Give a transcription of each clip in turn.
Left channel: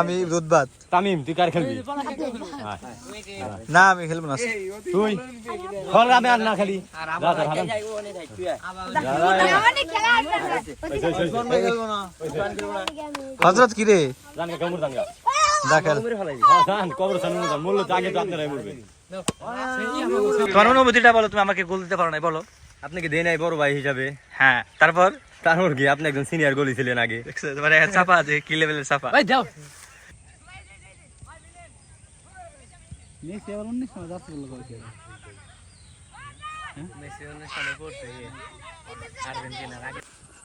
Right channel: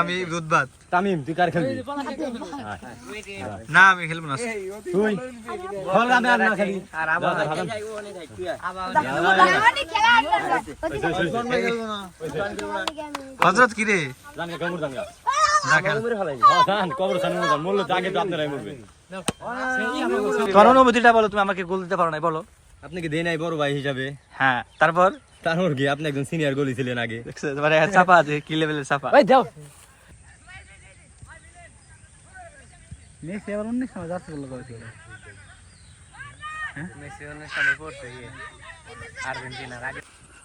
আমি রুদবাদ। তামিম তুই কার খেলবি? না আমি খেলব না। তুই? ফল আমি আর না খেলি। হজরত কি রে জানগা কামড় জানগা যা খেল। হ্যাঁ জান কবর সানি জান। মরলে তো আগে তো আপনারাই মরবে। তোমার অনুভূতিটা বলো তুমি আমাকে গোল দিতে পারো না বলো। আপনি কি দেয় নাই বড় ভাই হিসাবে? হ্যাঁ তারপর? তারপর কি? আপনি একজন সিনিয়র গোলি ছিলেন আগে। তোমার চাপা আছে কি লেভেলের চাপা?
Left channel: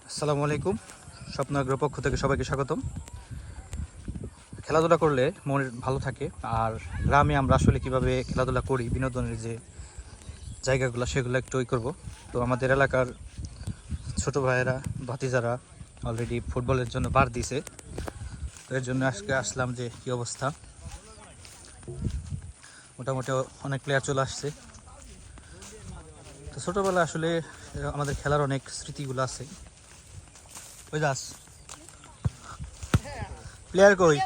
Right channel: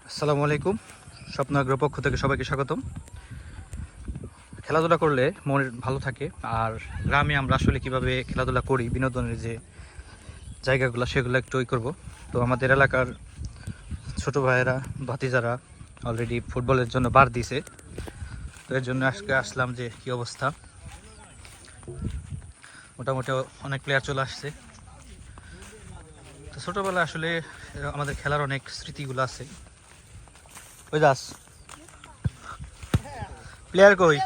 আসসালামু আলাইকুম স্বপ্নাগ্র পক্ষ থেকে সবাইকে স্বাগতম। খেলাধুলা করলে মন ভালো থাকে আর গ্রামে আমরা আসলে কীভাবে খেলাধুলা করি বিনোদনের যে জায়গাগুলো, সেগুলো একটু ওই করব। তো আমাদের এলাকার ছোট ভাইয়েরা, ভাতিজারা অলরেডি ফুটবলের জন্য বার দিছে। তো এর জন্য আজকে আসলাম যে কি অবস্থা। মোটামুটি অনেক প্লেয়ার চলে আসছে। তো ছোটোবেলায় আসলে আমাদের খেলার অনেক স্মৃতিগুলো আছে। ওই যাস। প্লেয়ার কই?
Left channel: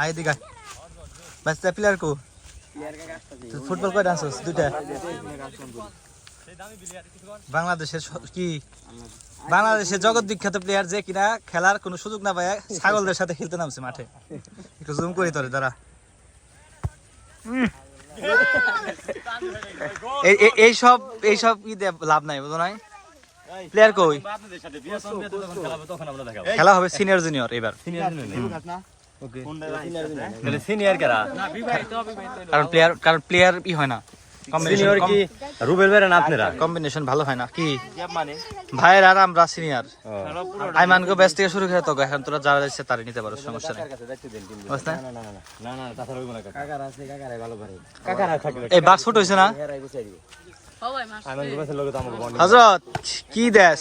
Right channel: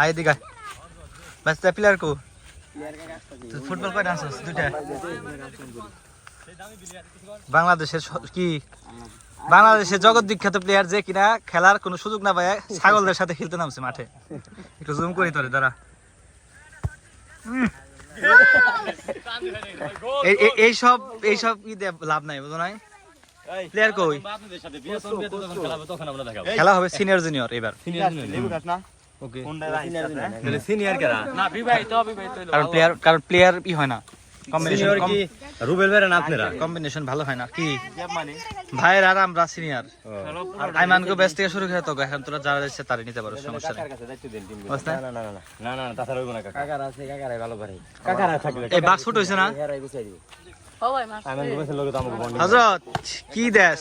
আয় দিঘা বাচ্চা প্লেয়ার কো ফুটবল কয়টা আছে? দুইটা। বাংলাদেশের কি? বাংলাদেশের জগৎ বিখ্যাত প্লেয়ার যে কিনা খেলার কোনো সুযোগ না পায় ছাগলদের সাথে খেলতে নামছে মাঠে। একটু জুম করি তোরে উম। এই- সব এই সব দিয়ে লাভ নাই বুঝো নাই? প্লেয়ার কই? খেলা হবে সিনিয়র জুনিয়র এবার। সিনিয়র ওকে তাহলে সিনিয়র কেরা? কারণ প্লেয়ার কারণ প্লেয়ার ই হয় না। কম্বিনেশন সিনিয়র রুবেল বেরেন আপনারা? কম্বিনেশন ভালো হয় না। কি? ভাইয়ের আর আমরা সিনিয়র আইমানকে ব্যস্ত থেকে শুরু করে তো এখন তোরা যারা যাচ্ছে তারই নিতে পারো সমস্যা নেই। বুঝতে না না না না না তাছাড়া হইব না কাকার আছে কাকারাই ভালো পারে কাকারা থাকলে এই বাস ফুট হয়েছে না? আমি গেছিল লোক তো আমাকে বন্ধ হজরত কি দেশ?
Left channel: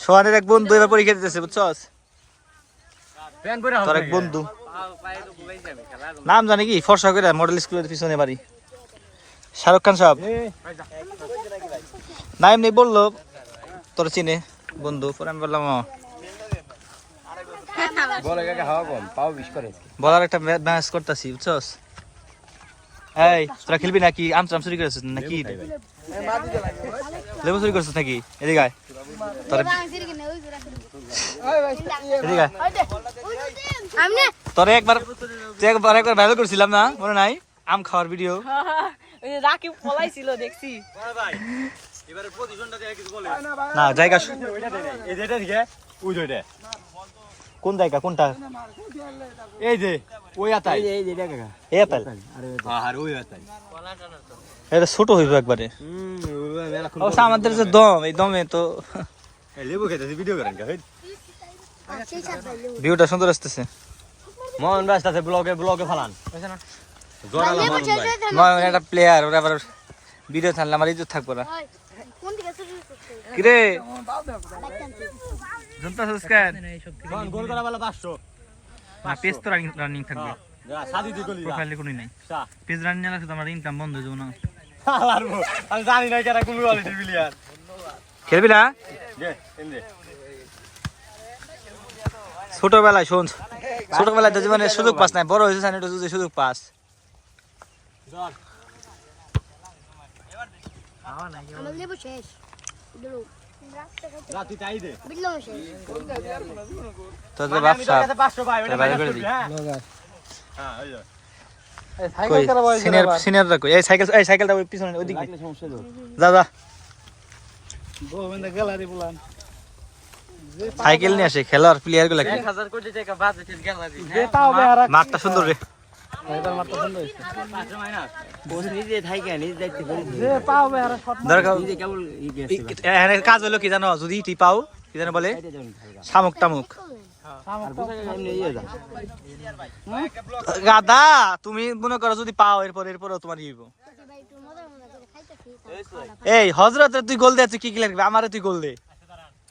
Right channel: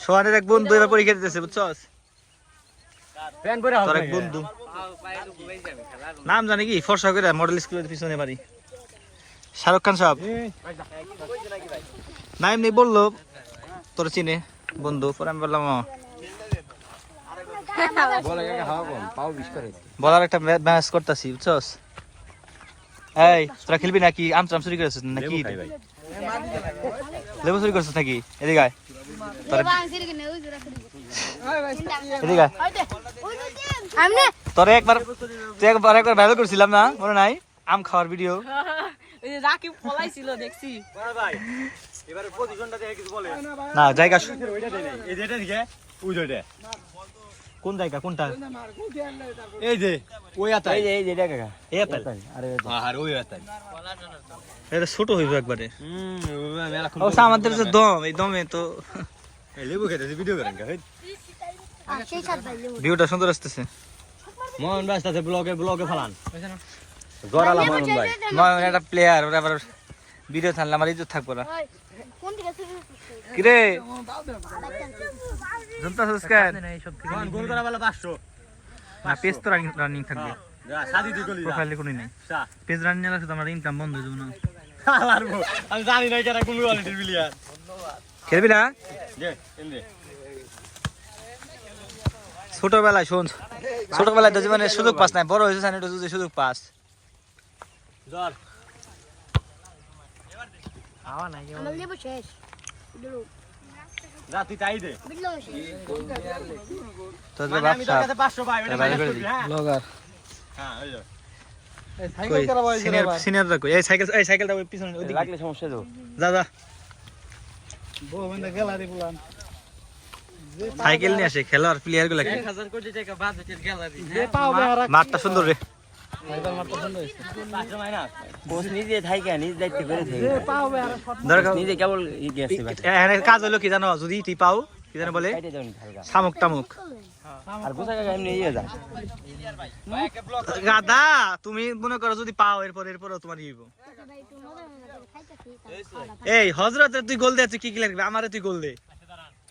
সোহানের এক বন্ধু এবার পরীক্ষা দিতেছে বুঝছস? পরে তোর এক বন্ধু। নাম জানি কি? ফর্সা করে মডেল স্কুলের পিছনে বাড়ি। শাহরুখ খান সাহেব। না এমনি বলল তোর চিনে বন্ধু পরে আমি বললাম "ও, বলে কাকা হাওয়া কম পাও বিশ করে। বলার একটা ম্যাচ করতেছি বুঝছস? এই তোরা খেলবি নাকি? আম চাম চুরি করেছিস নাকি? লেবু চুরি করছিস নাকি? এদিকে এদিকে তোরে একবার তুই একবার একবার ভাইরাল করছিলাম না মনে নাই? আম খাওয়ার ভিডিও রাকিব পলাইছিল দেখছি। না জায়গা এই যে এটা দিকে ওই যে এটা কোন জায়গা কোনটা? এই যে ওই আতাই এই যে এটা কাকা। এ তাই আর ওই আতাই এটা ছোট হইব একবারে। হুম অবশ্য আমাদের যে দম এই দমে তো লেবু খেতে ভিডিও করেন কা ভিউটা সুন্দর আসতেছে। মোহন ব্যস্ত আছে ব্লগে ব্লগে ফালান। জোরালা মোহন ভাই। মনে একটা প্লেয়ার ওরা আবার ভিডিও আমার ইজ্জত থাকব না। কোন কিরে? জনতা সাবস্ক্রাইব মোহন গোল করা বলে 500 না পেজ তো রানিং থাকবে। যা সাদি তুই গলি যা। প্রোফাইলে কোনো নাই। পেজ রানিং না তো আমার ইনকাম বন্ধ হয়ে যাব না। আমি জানি না কেরা কোন কোয়ালিটি প্লেয়ার খেলবি না? দে। ছোটবেলায় শোন। ছোটবেলায় তো জীবনে সুযোগ পাস নাই বড় হয়েছে এটা তুই সুযোগ পাস। চল আমার লেবু শেষ। দিলু যা তুই তাই দে। বিল্লু শেষ। তোর যে বাপ সাপ 500 ভাই তাহলে বাইরে করে দিই। হ্যাঁ? ওই কই? সিনিয়র সিনিয়ররা কই? এই সাইকেল এই সাইকেলটা পিছনে ওইদিকে। রাখলে সমস্যা তো। যা যা। সাইকেল নিয়ে আসে খেলার প্লেয়ারগুলা কি? মাঠটা সুন্দর রে। কাজ হলো কি জানো? যদি টি পাও কি জানো বলে? শামুক টামুক। গাদা তুমি মনে করো যদি পাও এরপর এরপরও তোমার খাইতেছি এই হজরতে তুই গোল দে তুই কি কি লাগবে? আমারে তুই গোল দে।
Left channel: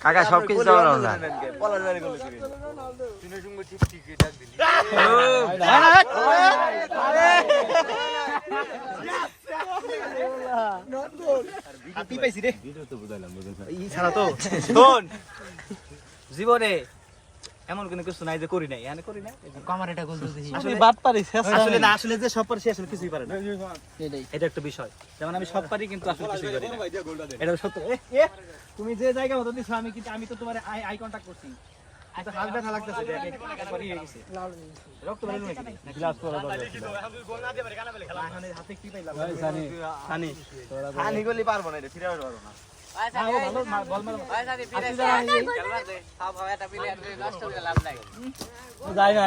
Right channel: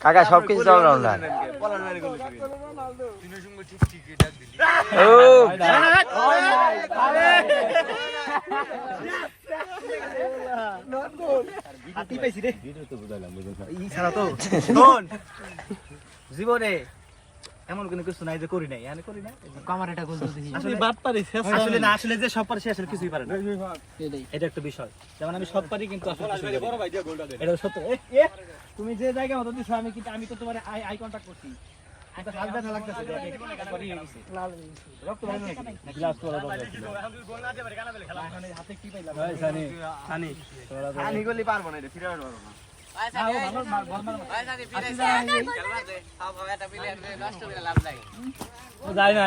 কাকা সব কিছু অলরাউন্ডার ও জীবনে এমন কোনো কিছু নাই যে করি নাই। আমি করি নাই। কামার এটা গোল দিছি আসলে বাদ পারি আসলে না আসলে যে সব পারি সে আসলে কিছুই পারে না। এটা একটা বিষয়। যেমন আমি সব পারি কিন্তু আসলে কিছুই করি না। এটা সত্য। তুমি যে জায়গা মতো দিছো আমি কিন্তু আমি তো তোমার আই আই কন্টাক্ট করছি। আমি তো হাত ব্যথা লাগতেছে দেখ এক- একবারই হয়ে গেছে। রক্ত বের হলো নাকি গ্লাস করা দরকার ছিল। না, এখন হাতে কি পাইলাম? সানি। সানি। সানি। গলি পারব না এটা ফিরে পারব না। না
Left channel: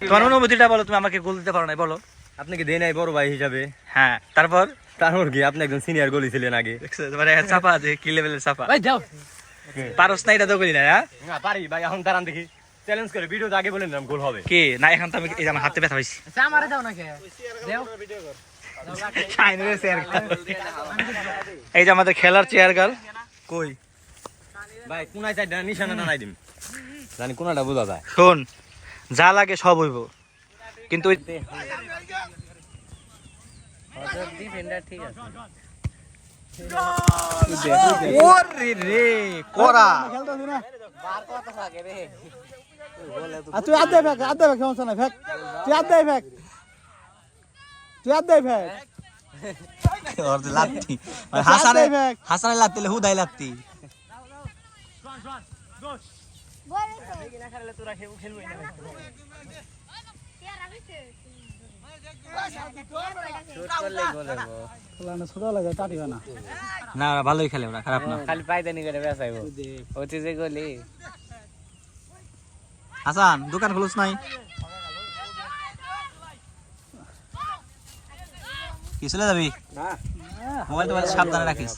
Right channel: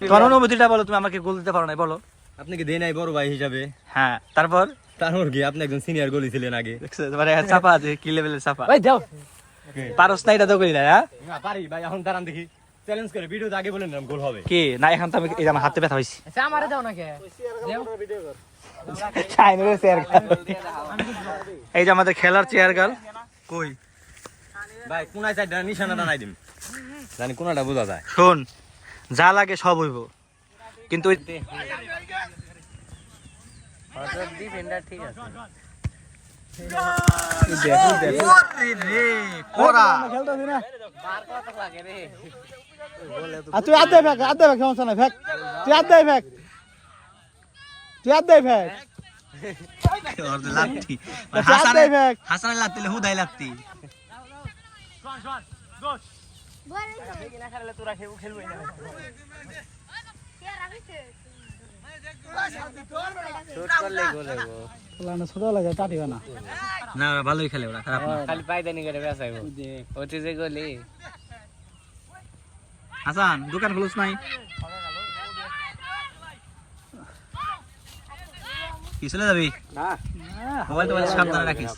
তোমার অনুভূতিটা বলো তুমি আমাকে গোল দিতে পারো না বলো। আপনি কি দেয় নাই বড় ভাই হিসাবে? হ্যাঁ তারপর? তারপর কি? আপনি একজন সিনিয়র গলি ছিলেন আগে। মানে চাপা আছে কি লেভেলের চাপা? পারস না এটা তো করি না হ্যাঁ? পারি ভাই এখন দাঁড়ান দেখি। চ্যালেঞ্জ করে ভিডিওতে আগে বলেন নাম গোল হবে। কি? না এখন তো আমি এই যে আমার হাতে ব্যথা হয়েছে আচ্ছা আমারে দাও না কে দেও এই যে আমাদের খেলার চেয়ার গাল কই? ভাই কোনায় চাই নিশানা দাঁড়াই দিম। জানি কোনাটা বোঝা যায়। শোন যা লাগে সব হইব। কিন্তু ডিফেন্ডার ঠিক আছে। তুই আদে ফেক আদে ফেক সমস্যা নাই ফেক। তুই আদে ফেক। তুই আদে ফেক। হাসানে- হাসানে হাসানে লাত্তি হুদাই লাত্তি। ছোট লাগে না। না ওরা ভালোই খেলে ওরা খারাপ না। খালি পায়দানি করে বেসাইবো ওতে যে গলি। হাসান দোকান খোলস নাই? কি চলে যাবি? মোবাইল টোবাইল সাবধানে রাখিস।